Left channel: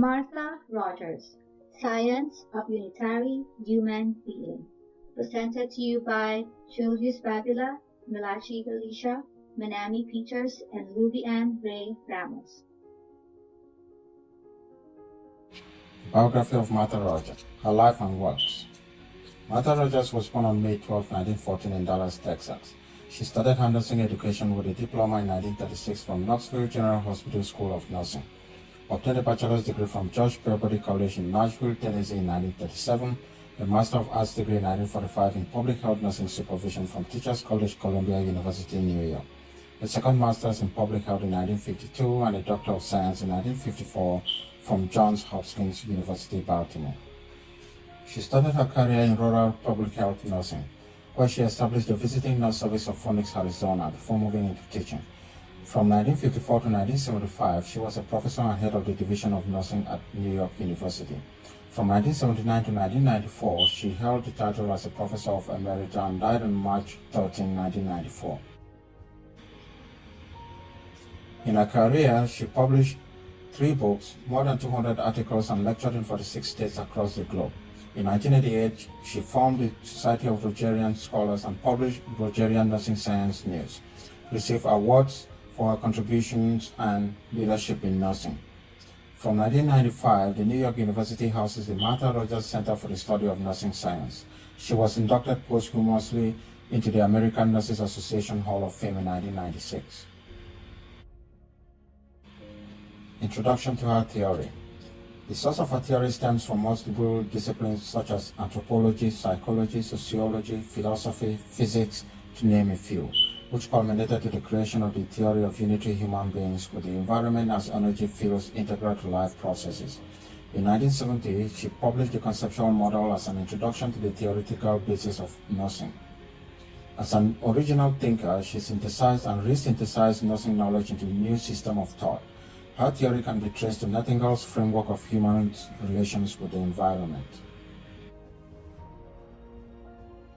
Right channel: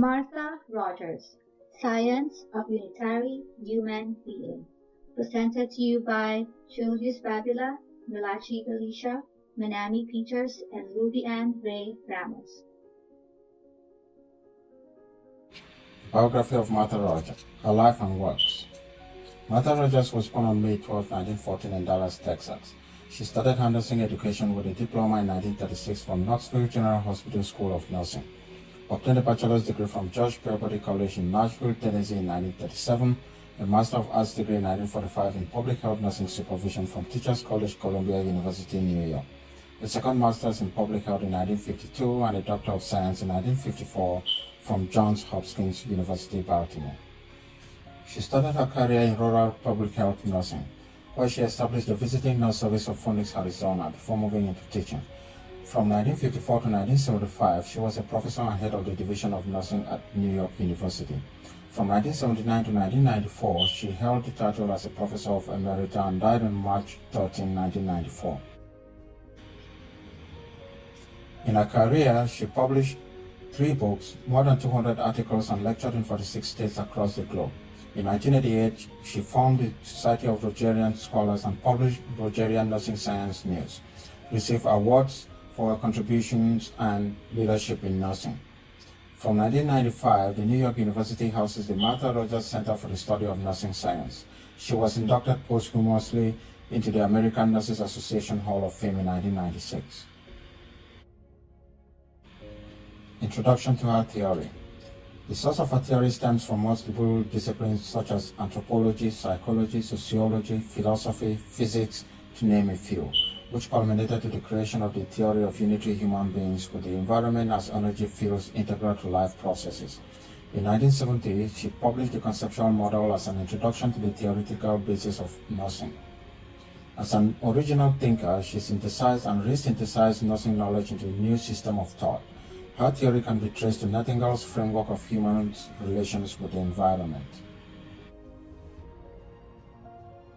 Martha Rogers, Science of Unitary Human Being. Presented to you by Julius Babila, Milachi Galicia, Manami Peters, and Lubian Ray Ramos. Biography of Martha Rogers, her life and works. Martha Rogers was born on May 12, 1914 in Dallas, Texas. She started her nursing education with a diploma in 1936 from Knoxville General Hospital School of Nursing. Obtained a bachelor's degree from George Peabody College in Nashville, Tennessee in 1937, a Master of Arts degree in 1945 in Public Health Nursing Supervision from Teachers College, Columbia University, New York, a second Master's in Public Health in 1952, and a Doctor of Science in 1954 from Johns Hopkins University, Baltimore. She started her career in rural public health nursing, where she established the visiting nurse service of Phoenix, Arizona, before moving into teaching. From 1954 to 1975, she was a professor and head of the Division of Nursing at New York University. From 1979 to 1994, she held the title as a professor of emerita and died on March 13, 1994. In her career, she published 3 books, more than 200 articles, and lectured in 46 states across the globe. In 1988, she formed the Society of Rogerian Scholars and published Rogerian Nursing Science News, received awards for her contributions and leadership in nursing. From 1995, the New York University houses the Martha Rogers Center for the Study of Nursing Science. She was inducted posthumously into the American Nurses Association Hall of Fame in 1996. Introduction to her theory. The source of her theory stems from multiple disciplines such as anthropology, psychology, sociology, philosophy, physics, to name a few, which culminated to the creation of the theory of unitary human beings with the environment as energy fields integral to life processes. In 1970, she published the conceptual model as an introduction to the theoretical basis of nursing. As an original thinker, she synthesized and re-synthesized nursing knowledge into a new system of thought. Her theory can be traced to Nightingale's framework of human relations with the environment.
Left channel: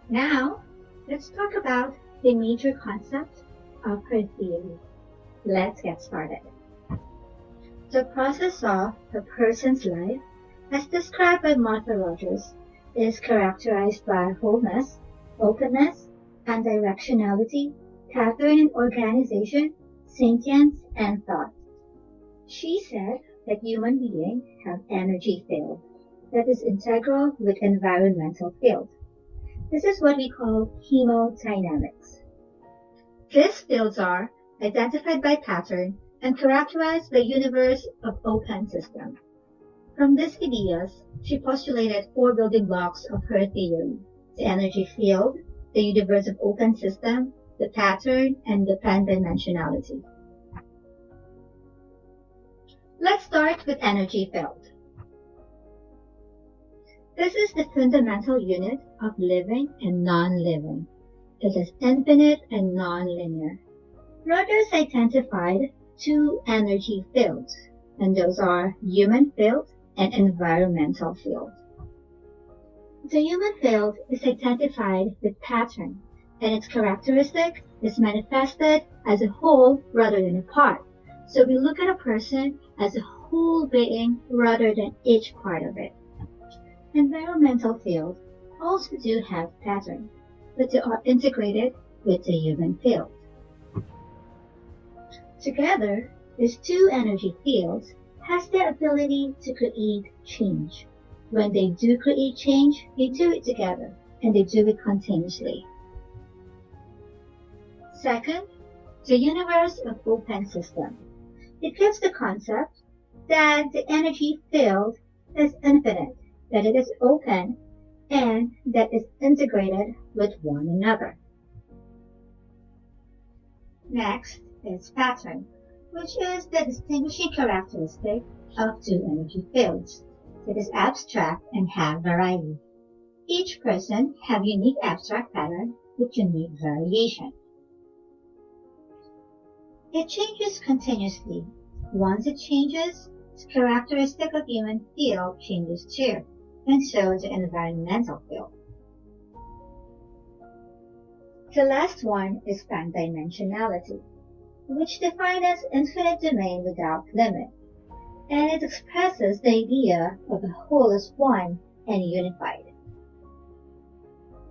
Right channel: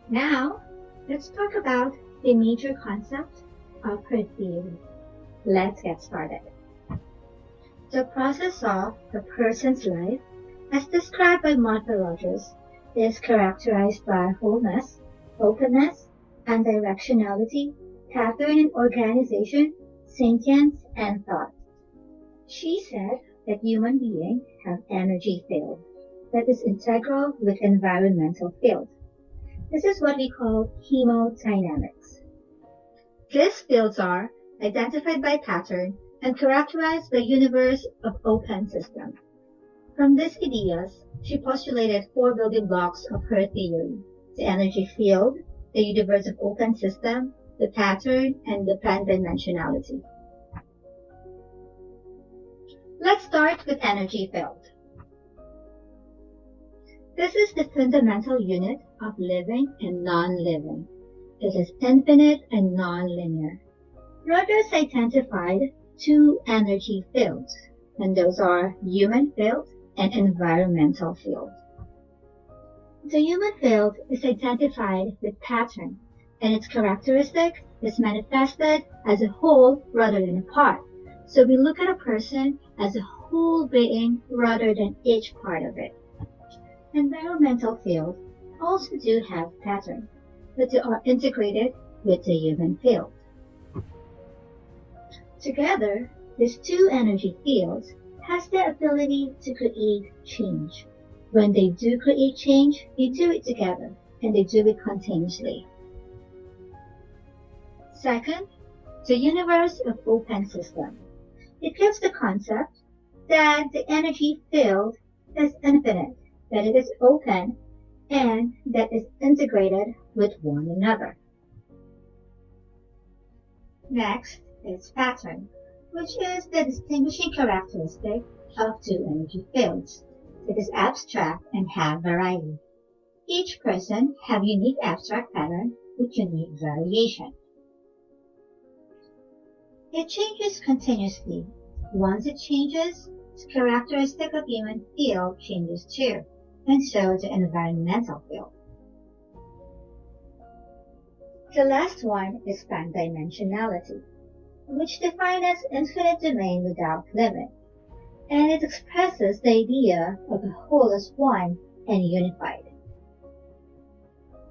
Now, let's talk about the major concept of her theory. Let's get started. The process of a person's life, as described by Martha Rogers, is characterized by wholeness, openness, and directionality, pattern and organization, sentience, and thought. She said that human beings have energy field that is integral with environmental field. This is what we call hemodynamics. These fields are identified by pattern and characterized by universe of open system. From these ideas, she postulated 4 building blocks of her theory: the energy field, the universe of open system, the pattern, and the pan-dimensionality. Let's start with energy field. This is the fundamental unit of living and non-living. It is infinite and non-linear. Rogers identified 2 energy fields, and those are human field and environmental field. The human field is identified with pattern, and its characteristic is manifested as a whole rather than a part. So we look at a person as a whole being rather than each part of it. Environmental fields also do have pattern, but they are integrated with the human field. Together, these 2 energy fields has the ability to create change. When they do create change, they do it together, and they do it continuously. Second, the universe of open system. It gives the concept that the energy field is infinite, that it is open, and that is integrated with one another. Next is pattern, which is the distinguishing characteristic of 2 energy fields. It is abstract and have variety. Each person have unique abstract pattern with unique variation. It changes continuously. Once it changes, the characteristic of human field changes too, and so the environmental field. The last one is pan-dimensionality, which defined as infinite domain without limit. and it expresses the idea of a whole as one and unified.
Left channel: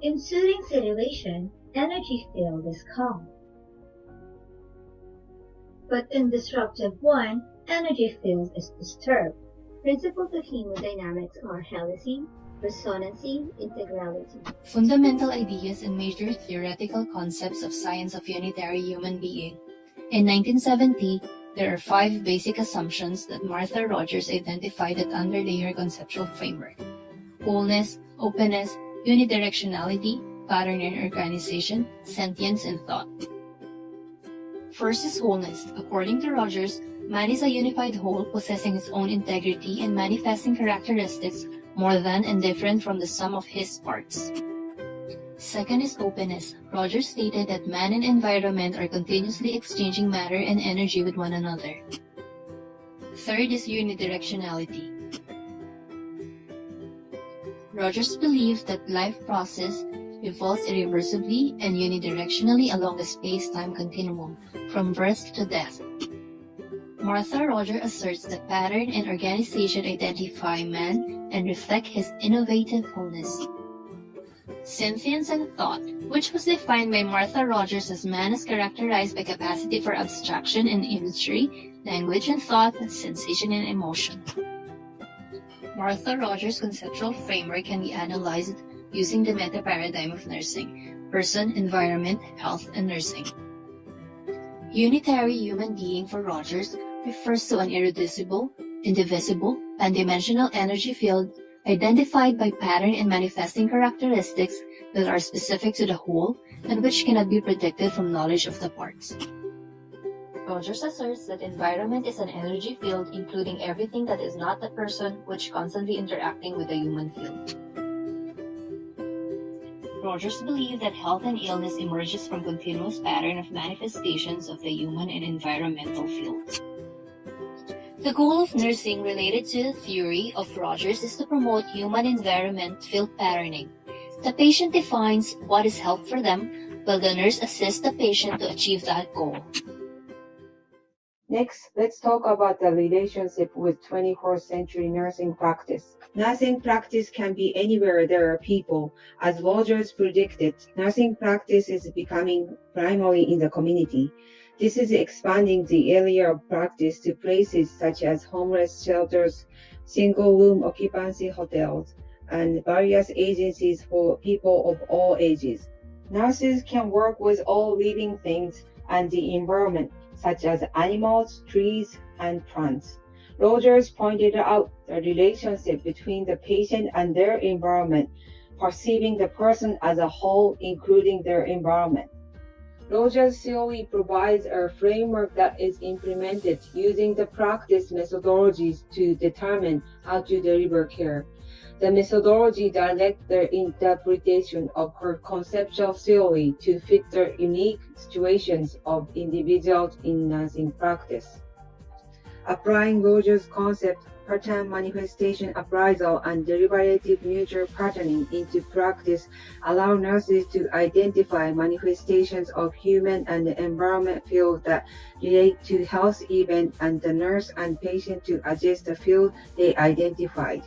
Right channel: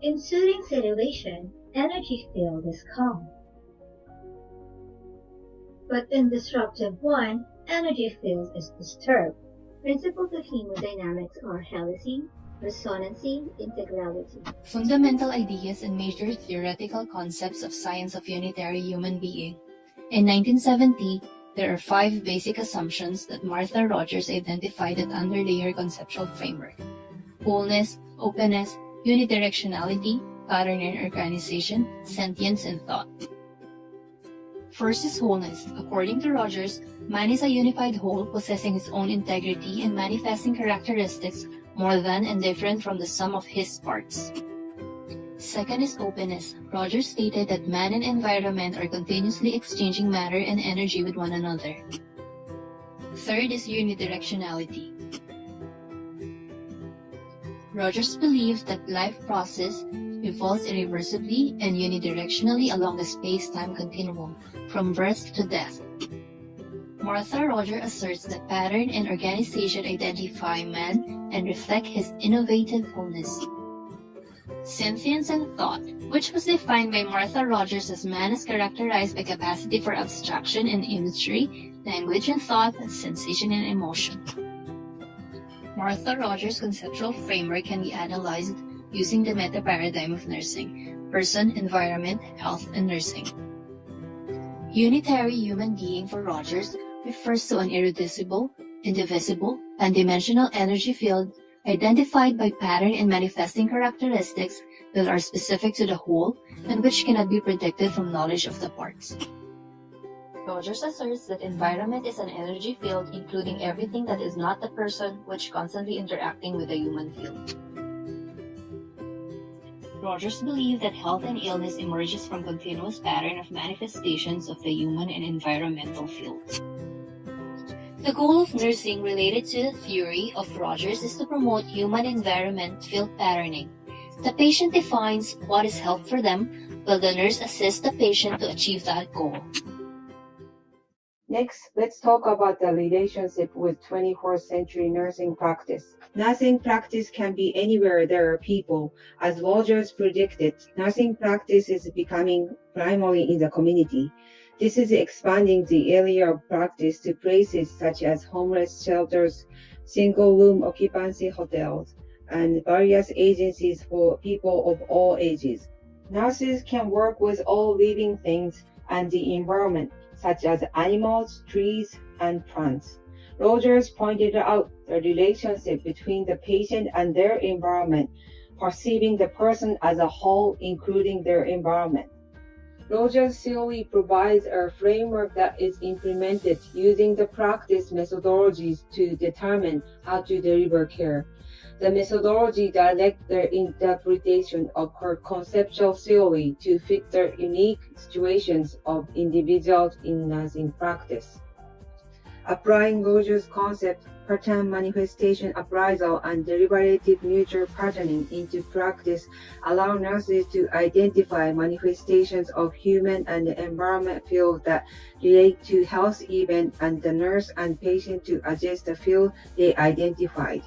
In soothing situation, energy field is calm. But in disruptive one, energy field is disturbed. Principles of hemodynamics are helicity, resonancy, integrality. Fundamental ideas and major theoretical concepts of science of unitary human being. In 1970, there are 5 basic assumptions that Martha Rogers identified that underlay her conceptual framework: wholeness, openness, unidirectionality, pattern and organization, sentience, and thought. First is wholeness. According to Rogers, man is a unified whole possessing its own integrity and manifesting characteristics more than and different from the sum of his parts. Second is openness. Rogers stated that man and environment are continuously exchanging matter and energy with one another. Third is unidirectionality. Rogers believed that life process evolves irreversibly and unidirectionally along the space-time continuum, from birth to death. Martha Rogers asserts that pattern and organization identify man and reflect his innovative wholeness. Sentience and thought, which was defined by Martha Rogers as man is characterized by capacity for abstraction and imagery, language and thought, sensation and emotion. Martha Rogers' conceptual framework can be analyzed using the meta-paradigm of nursing: person, environment, health, and nursing. Unitary human being for Rogers refers to an irreducible, indivisible, pan-dimensional energy field identified by pattern and manifesting characteristics that are specific to the whole and which cannot be predicted from knowledge of the parts. Rogers asserts that environment is an energy field including everything that is not the person, which constantly interacting with the human field. Rogers believed that health and illness emerges from continuous pattern of manifestations of the human and environmental fields. The goal of nursing related to the theory of Rogers is to promote human-environment field patterning. The patient defines what is health for them, while the nurse assists the patient to achieve that goal. Next, let's talk about the relationship with 21st century nursing practice. Nursing practice can be anywhere there are people. As Rogers predicted, nursing practice is becoming primarily in the community. This is expanding the area of practice to places such as homeless shelters, single-room occupancy hotels, and various agencies for people of all ages. Nurses can work with all living things and the environment, such as animals, trees, and plants. Rogers pointed out the relationship between the patient and their environment, perceiving the person as a whole, including their environment. Rogers' theory provides a framework that is implemented using the practice methodologies to determine how to deliver care. The methodology directs the interpretation of her conceptual theory to fit the unique situations of individuals in nursing practice. Applying Rogers' concept, pattern manifestation appraisal, and deliberative mutual patterning into practice allow nurses to identify manifestations of human and environment fields that relate to health events, and the nurse and patient to adjust the field they identified.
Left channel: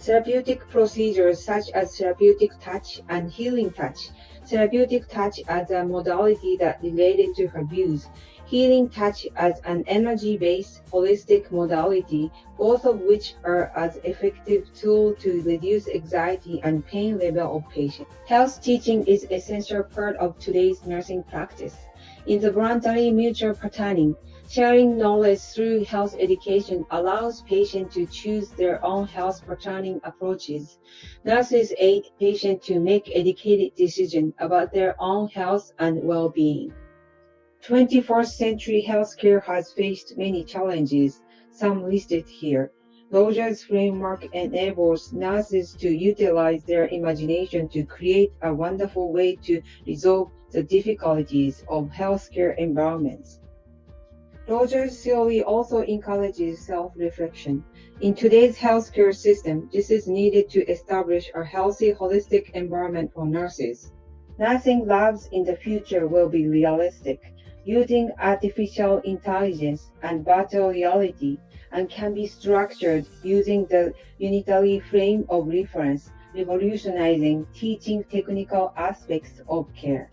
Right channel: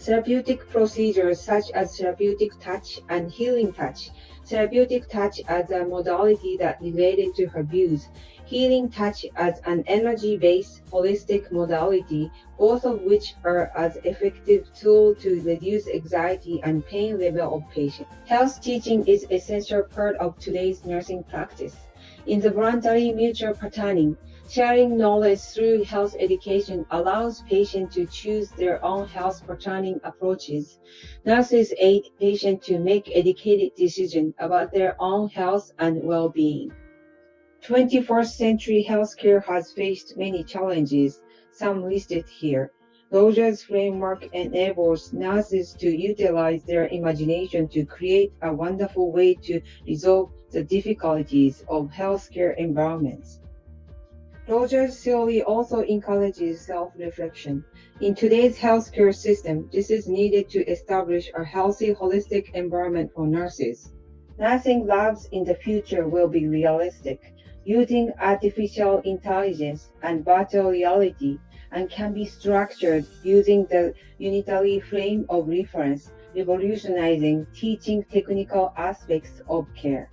Therapeutic procedures such as therapeutic touch and healing touch. Therapeutic touch as a modality that related to her views. Healing touch as an energy-based holistic modality, both of which are as effective tool to reduce anxiety and pain level of patients. Health teaching is essential part of today's nursing practice. In the voluntary mutual patterning, sharing knowledge through health education allows patients to choose their own health patterning approaches. Nurses aid patients to make educated decisions about their own health and well-being. 21st century healthcare has faced many challenges, some listed here. Rogers' framework enables nurses to utilize their imagination to create a wonderful way to resolve the difficulties of healthcare environments. Rogers' theory also encourages self-reflection. In today's healthcare system, this is needed to establish a healthy, holistic environment for nurses. Nursing labs in the future will be realistic, using artificial intelligence and virtual reality. and can be structured using the unitary frame of reference, revolutionizing teaching technical aspects of care.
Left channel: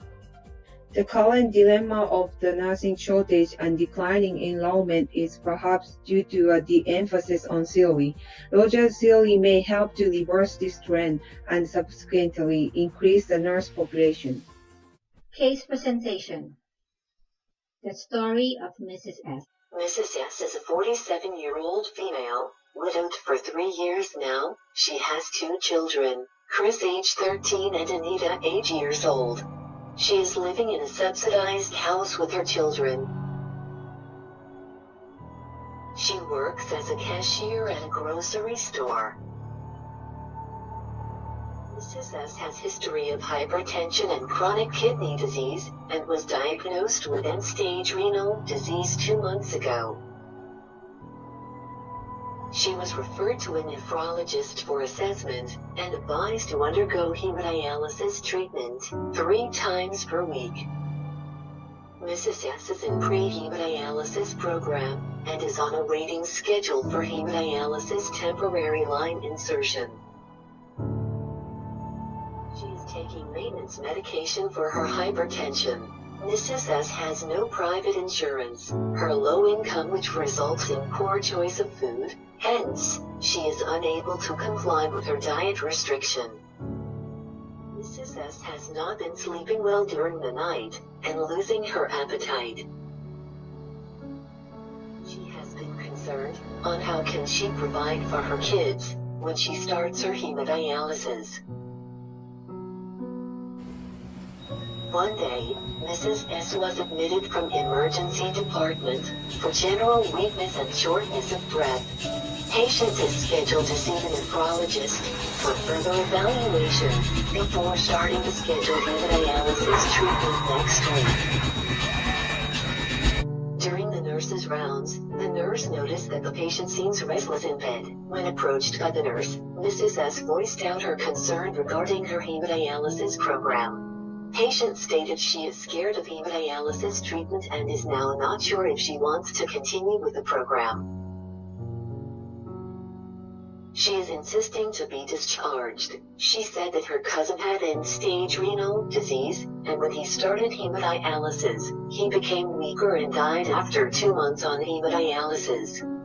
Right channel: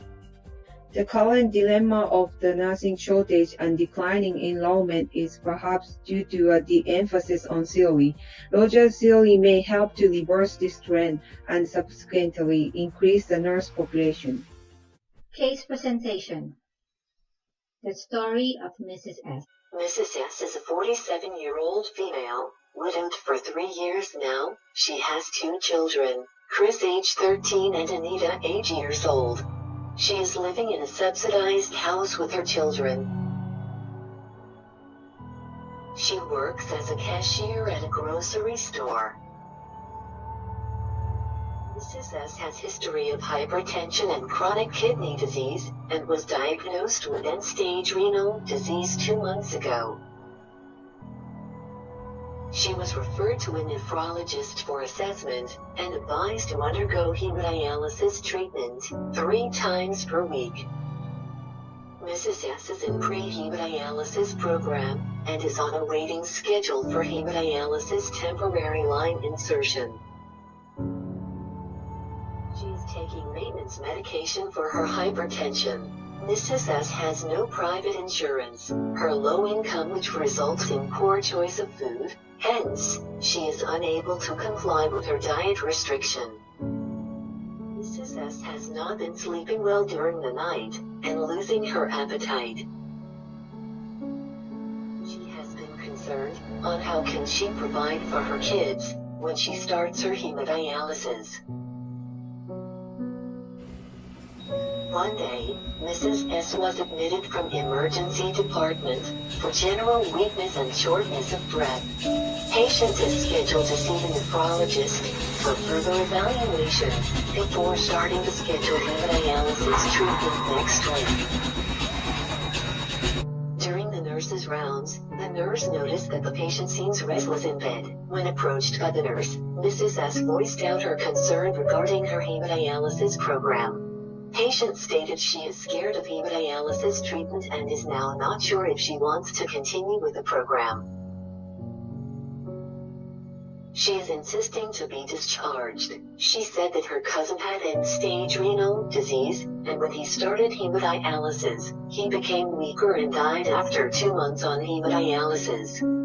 The current dilemma of the nursing shortage and declining enrollment is perhaps due to a de-emphasis on theory. Rogers' theory may help to reverse this trend and subsequently increase the nurse population. Case presentation. The story of Mrs. S. Mrs. S is a 47-year-old female, widowed for 3 years now. She has 2 children, Chris age 13 and Anita age years old. She is living in a subsidized house with her children. She works as a cashier at a grocery store. Mrs. S has history of hypertension and chronic kidney disease, and was diagnosed with end-stage renal disease 2 months ago. She was referred to a nephrologist for assessment, and advised to undergo hemodialysis treatment 3 times per week. Mrs. S is in pre-hemodialysis program, and is on a waiting schedule for hemodialysis temporary line insertion. She is taking maintenance medication for her hypertension. Mrs. S has no private insurance, her low income which results in poor choice of food, hence, she is unable to comply with her diet restriction. Mrs. S has not been sleeping well during the night, and losing her appetite. She has been concerned on how can she provide for her kids when she starts her hemodialysis. One day, Mrs. S was admitted from emergency department for general weakness and shortness of breath. Patient is scheduled to see the nephrologist for further evaluation before starting the scheduled hemodialysis treatment next week. During the nurse's rounds, the nurse noticed that the patient seems restless in bed. When approached by the nurse, Mrs. S voiced out her concern regarding her hemodialysis program. Patient stated she is scared of hemodialysis treatment and is now not sure if she wants to continue with the program. She is insisting to be discharged. She said that her cousin had end-stage renal disease, and when he started hemodialysis, he became weaker and died after 2 months on hemodialysis.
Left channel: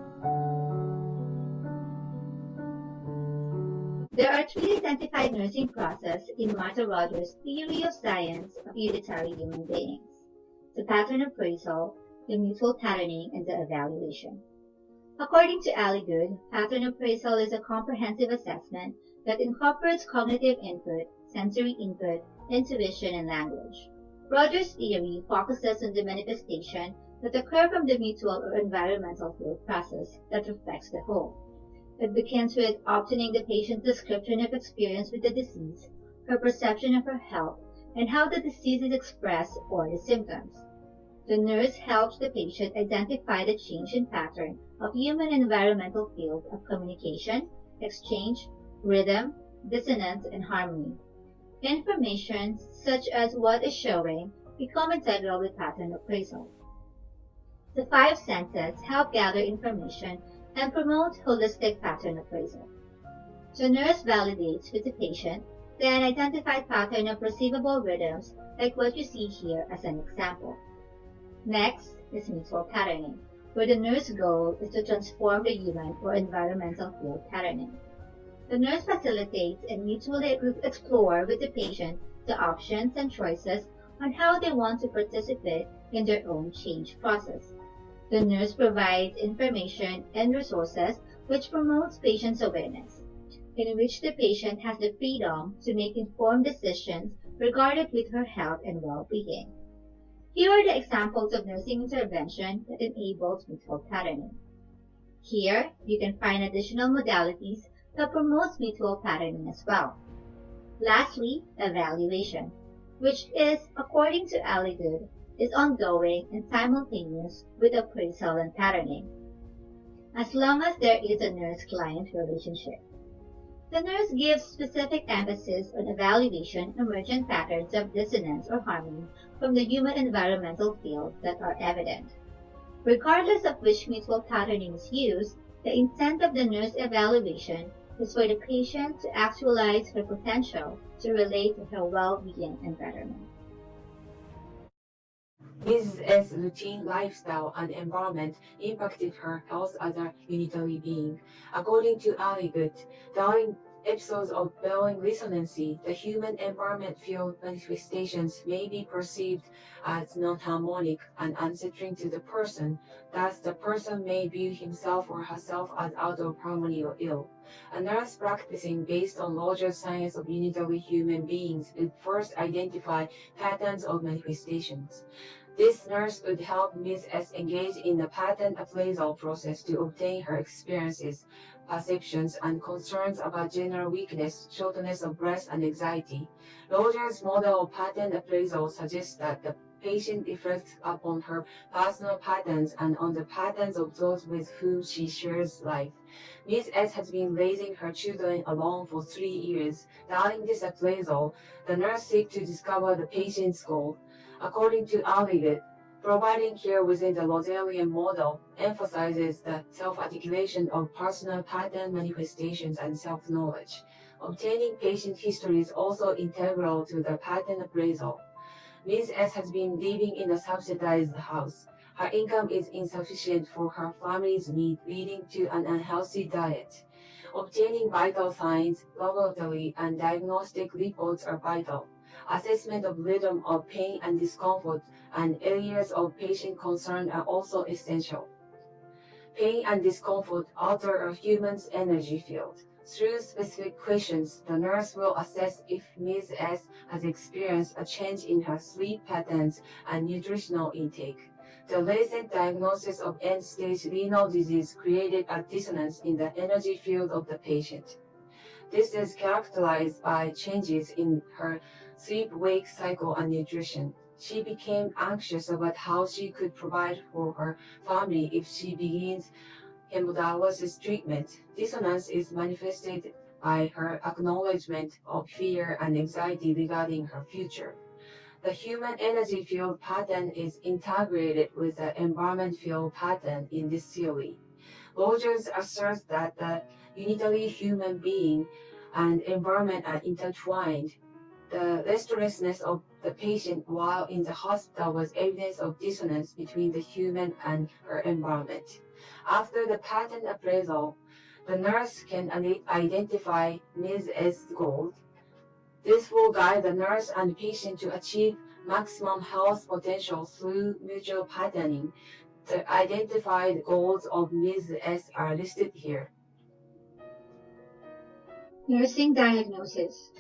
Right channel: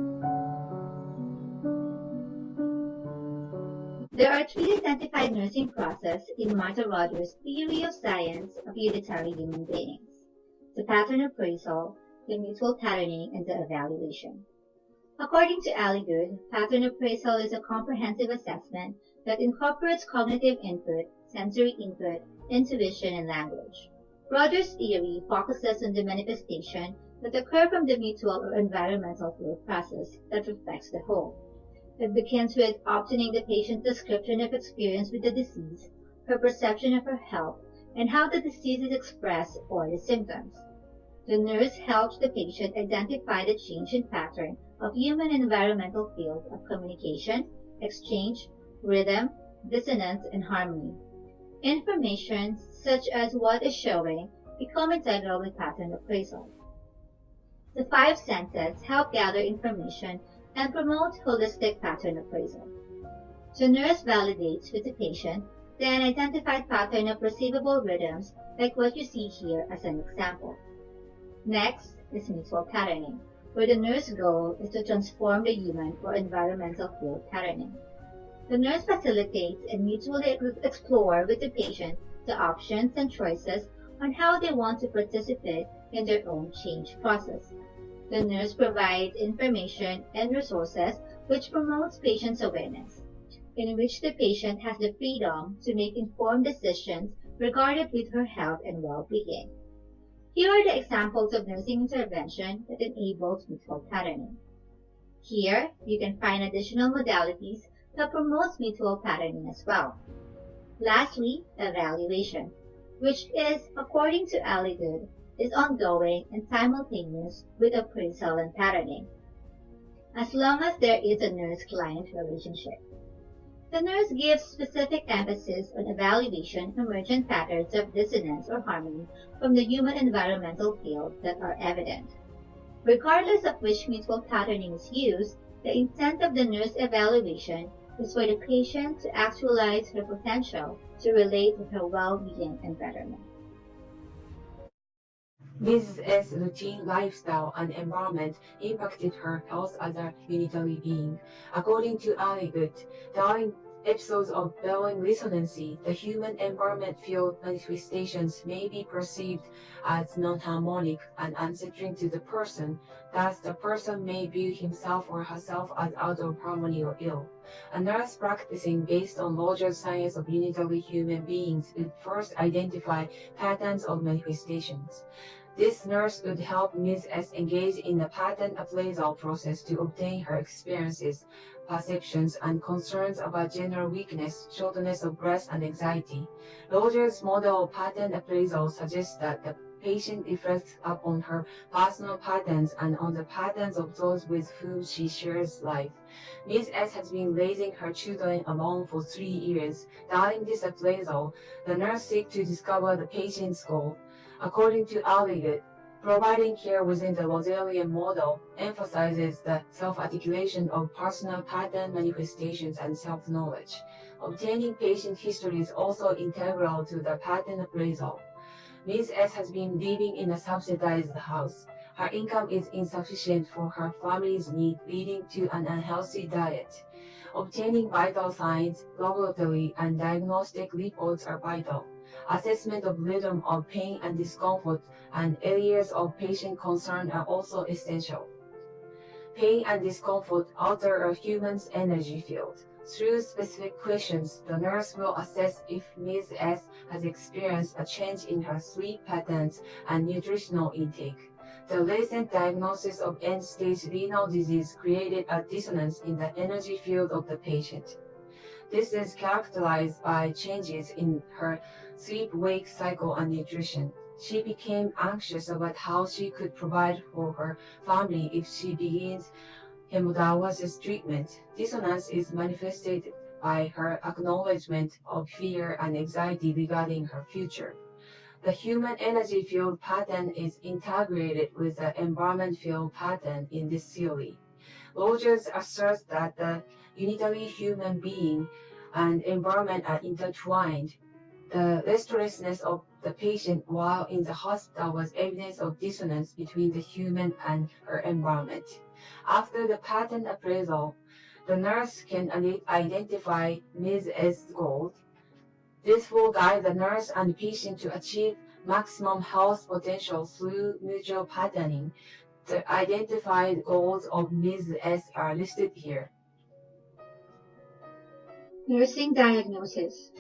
There are 3 identified nursing processes in Martha Rogers' theory of science of unitary human beings: the pattern appraisal, the mutual patterning, and the evaluation. According to Ali Good, pattern appraisal is a comprehensive assessment that incorporates cognitive input, sensory input, intuition, and language. Rogers' theory focuses on the manifestation that occur from the mutual or environmental field process that reflects the whole. It begins with obtaining the patient's description of experience with the disease, her perception of her health, and how the disease is expressed or the symptoms. The nurse helps the patient identify the change in pattern of human and environmental fields of communication, exchange, rhythm, dissonance, and harmony. Information such as what is showing become integral with pattern appraisal. The 5 senses help gather information and promote holistic pattern appraisal. The nurse validates with the patient the unidentified pattern of perceivable rhythms like what you see here as an example. Next is mutual patterning, where the nurse's goal is to transform the human or environmental field patterning. The nurse facilitates and mutually explore with the patient the options and choices on how they want to participate in their own change process. The nurse provides information and resources which promotes patient's awareness, in which the patient has the freedom to make informed decisions regarding with her health and well-being. Here are the examples of nursing intervention that enables mutual patterning. Here, you can find additional modalities that promotes mutual patterning as well. Lastly, evaluation, which is, according to Ali Good, is ongoing and simultaneous with appraisal and patterning, as long as there is a nurse-client relationship. The nurse gives specific emphasis on evaluation emergent patterns of dissonance or harmony from the human environmental field that are evident. Regardless of which mutual patterning is used, the intent of the nurse evaluation is for the patient to actualize her potential to relate to her well-being and betterment. Mrs. S. routine lifestyle and environment impacted her health as a unitary being. According to Ali Good, during episodes of Bellin resonancy, the human environment field manifestations may be perceived as non-harmonic and unsettling to the person. Thus, the person may view himself or herself as out of harmony or ill. A nurse practicing based on Rogers' science of unitary human beings would first identify patterns of manifestations. This nurse would help Ms. S engage in the pattern appraisal process to obtain her experiences, perceptions, and concerns about general weakness, shortness of breath, and anxiety. Rogers' model of pattern appraisal suggests that the patient reflects upon her personal patterns and on the patterns of those with whom she shares life. Ms. S has been raising her children alone for 3 years. During this appraisal, the nurse seeks to discover the patient's goal. According to Alligat, providing care within the Rosalian model emphasizes the self-articulation of personal pattern manifestations and self-knowledge. Obtaining patient history is also integral to the pattern appraisal. Ms. S has been living in a subsidized house. Her income is insufficient for her family's need, leading to an unhealthy diet. Obtaining vital signs, laboratory, and diagnostic reports are vital. Assessment of rhythm of pain and discomfort and areas of patient concern are also essential. Pain and discomfort alter a human's energy field. Through specific questions, the nurse will assess if Ms. S has experienced a change in her sleep patterns and nutritional intake. The recent diagnosis of end-stage renal disease created a dissonance in the energy field of the patient. This is characterized by changes in her sleep-wake cycle and nutrition. She became anxious about how she could provide for her family if she begins hemodialysis treatment. Dissonance is manifested by her acknowledgement of fear and anxiety regarding her future. The human energy field pattern is integrated with the environment field pattern in this theory. Rogers asserts that the unitary human being and environment are intertwined. The restlessness of the patient while in the hospital was evidence of dissonance between the human and her environment. After the pattern appraisal, the nurse can identify Ms. S. goals. This will guide the nurse and patient to achieve maximum health potential through mutual patterning. The identified goals of Ms. S are listed here. Nursing diagnosis.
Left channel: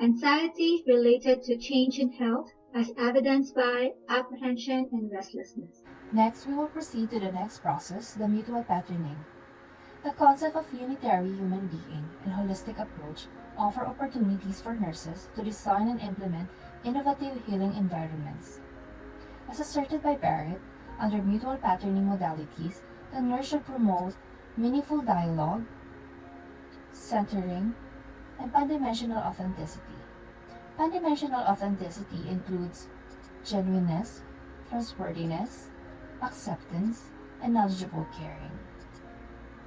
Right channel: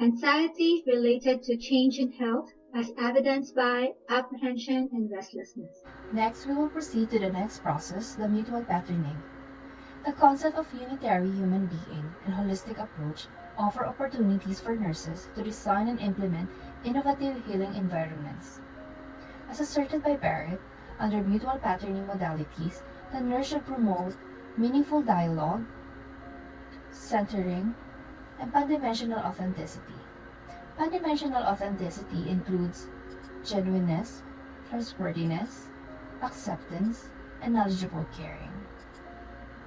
Anxiety related to change in health as evidenced by apprehension and restlessness. Next, we will proceed to the next process, the mutual patterning. The concept of unitary human being and holistic approach offer opportunities for nurses to design and implement innovative healing environments. As asserted by Barrett, under mutual patterning modalities, the nurse should promote meaningful dialogue, centering, and pandimensional authenticity. Pandimensional authenticity includes genuineness, trustworthiness, acceptance, and knowledgeable caring.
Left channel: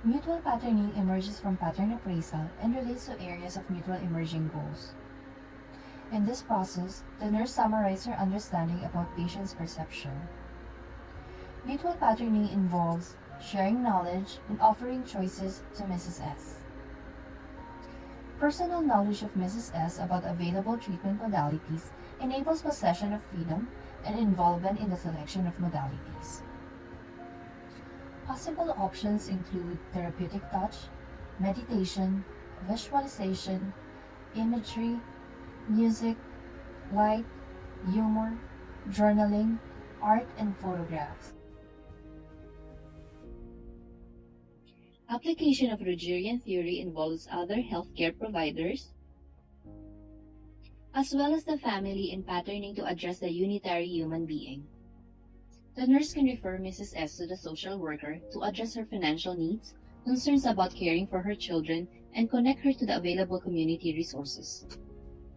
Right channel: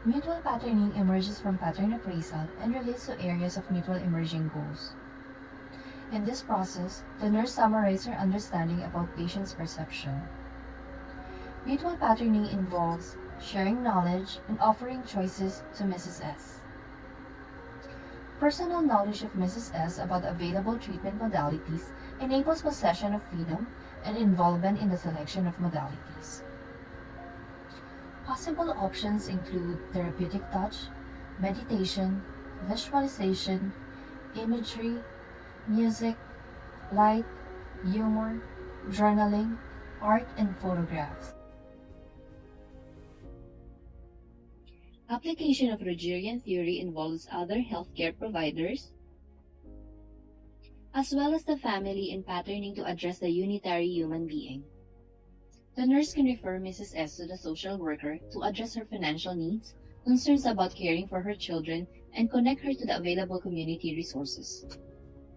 Mutual patterning emerges from pattern appraisal and relates to areas of mutual emerging goals. In this process, the nurse summarizes her understanding about patient's perception. Mutual patterning involves sharing knowledge and offering choices to Mrs. S. Personal knowledge of Mrs. S about available treatment modalities enables possession of freedom and involvement in the selection of modalities. Possible options include therapeutic touch, meditation, visualization, imagery, music, light, humor, journaling, art, and photographs. Application of Rogerian theory involves other healthcare providers, as well as the family in patterning to address the unitary human being. The nurse can refer Mrs. S to the social worker to address her financial needs, concerns about caring for her children, and connect her to the available community resources.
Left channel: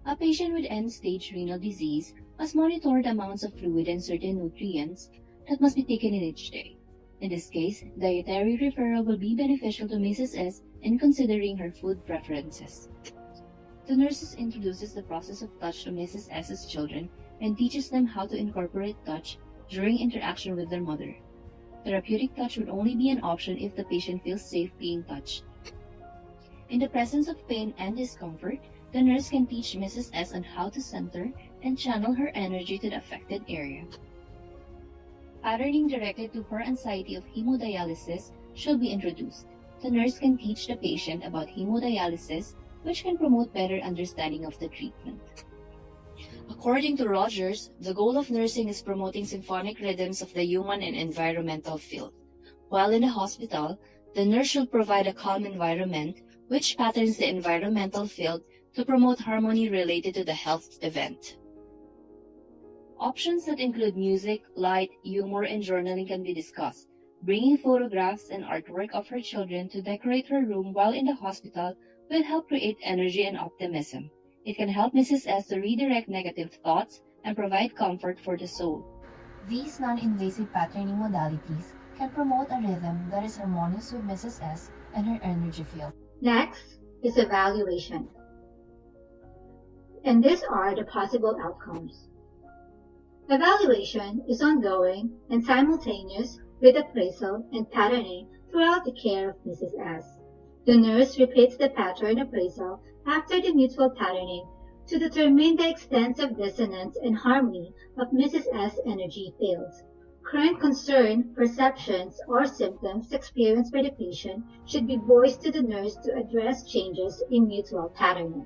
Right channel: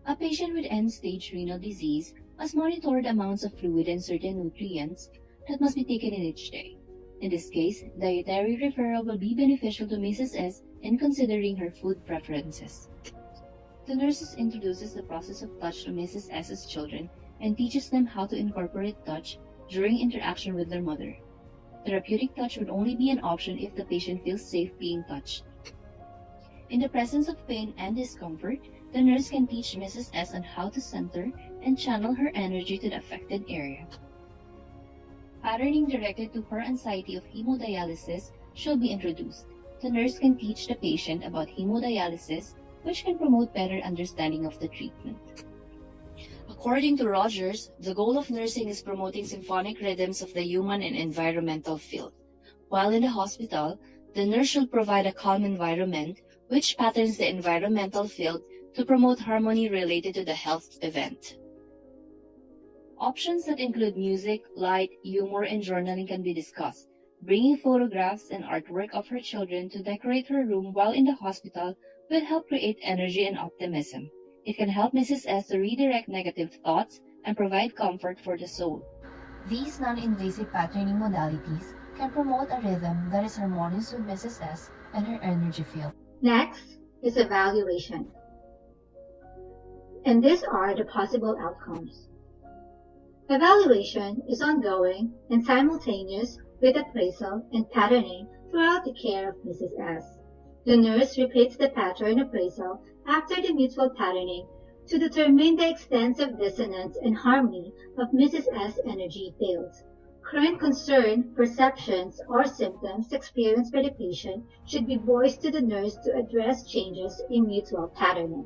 A patient with end-stage renal disease must monitor the amounts of fluid and certain nutrients that must be taken in each day. In this case, dietary referral will be beneficial to Mrs. S in considering her food preferences. The nurses introduces the process of touch to Mrs. S's children and teaches them how to incorporate touch during interaction with their mother. Therapeutic touch would only be an option if the patient feels safe being touched. In the presence of pain and discomfort, the nurse can teach Mrs. S on how to center and channel her energy to the affected area. Patterning directed to her anxiety of hemodialysis should be introduced. The nurse can teach the patient about hemodialysis, which can promote better understanding of the treatment. According to Rogers, the goal of nursing is promoting symphonic rhythms of the human and environmental field. While in the hospital, the nurse should provide a calm environment which patterns the environmental field to promote harmony related to the health event. Options that include music, light, humor, and journaling can be discussed. Bringing photographs and artwork of her children to decorate her room while in the hospital will help create energy and optimism. It can help Mrs. S to redirect negative thoughts and provide comfort for the soul. These non-invasive patterning modalities can promote a rhythm that is harmonious with Mrs. S and her energy field. Next is evaluation. And these are the possible outcomes. Evaluation is ongoing and simultaneous with appraisal and patterning throughout the care of Mrs. S. The nurse repeats the pattern appraisal after the mutual patterning to determine the extent of dissonance and harmony of Mrs. S' energy fields. Current concern, perceptions, or symptoms experienced by the patient should be voiced to the nurse to address changes in mutual patterning.